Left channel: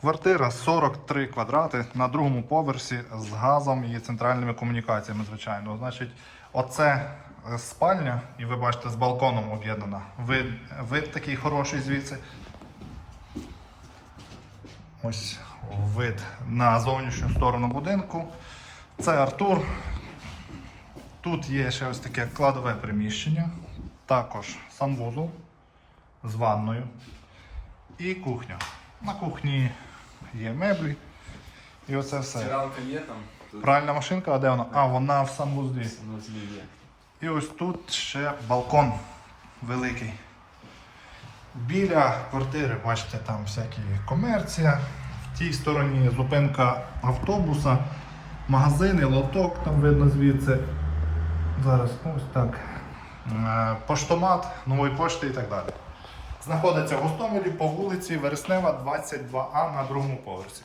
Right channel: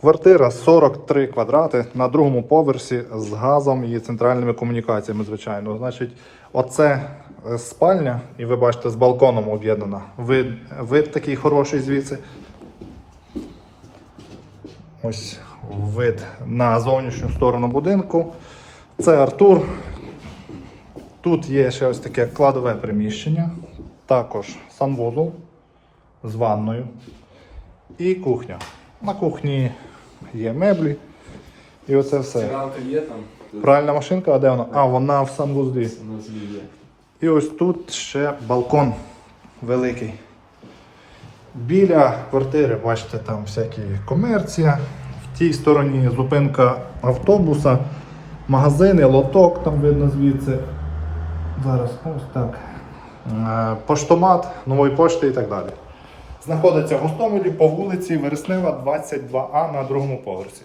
Квартира 43 квадрати на другому поверсі з газом і центральними комунікаціями, звичайно. Значить, оце е, спальня, і ви бачите, з балконом об'єднана. Вид, вид такий хороший звідси. Ось вид на зовнішню сторону будинку. Це Артур. Тут є ще ось таке кладове приміщення, також санвузол з ванною і кухня. На кухні є меблі. І оце все. Стиралка є там, Пральна машинка, а де вона? А, вона в санвузлі. є. І ось тут ще балкон великий. Біля квартири, бачите, там всякі комерція. В тій стороні зупинка автобуса, магазини, лоток там видно звідси. Зараз ось так. Е, Поштомат, нової пошти і так далі. Знаходиться в Гостомелі по вулиці Вереснева, 22А на другому поверсі.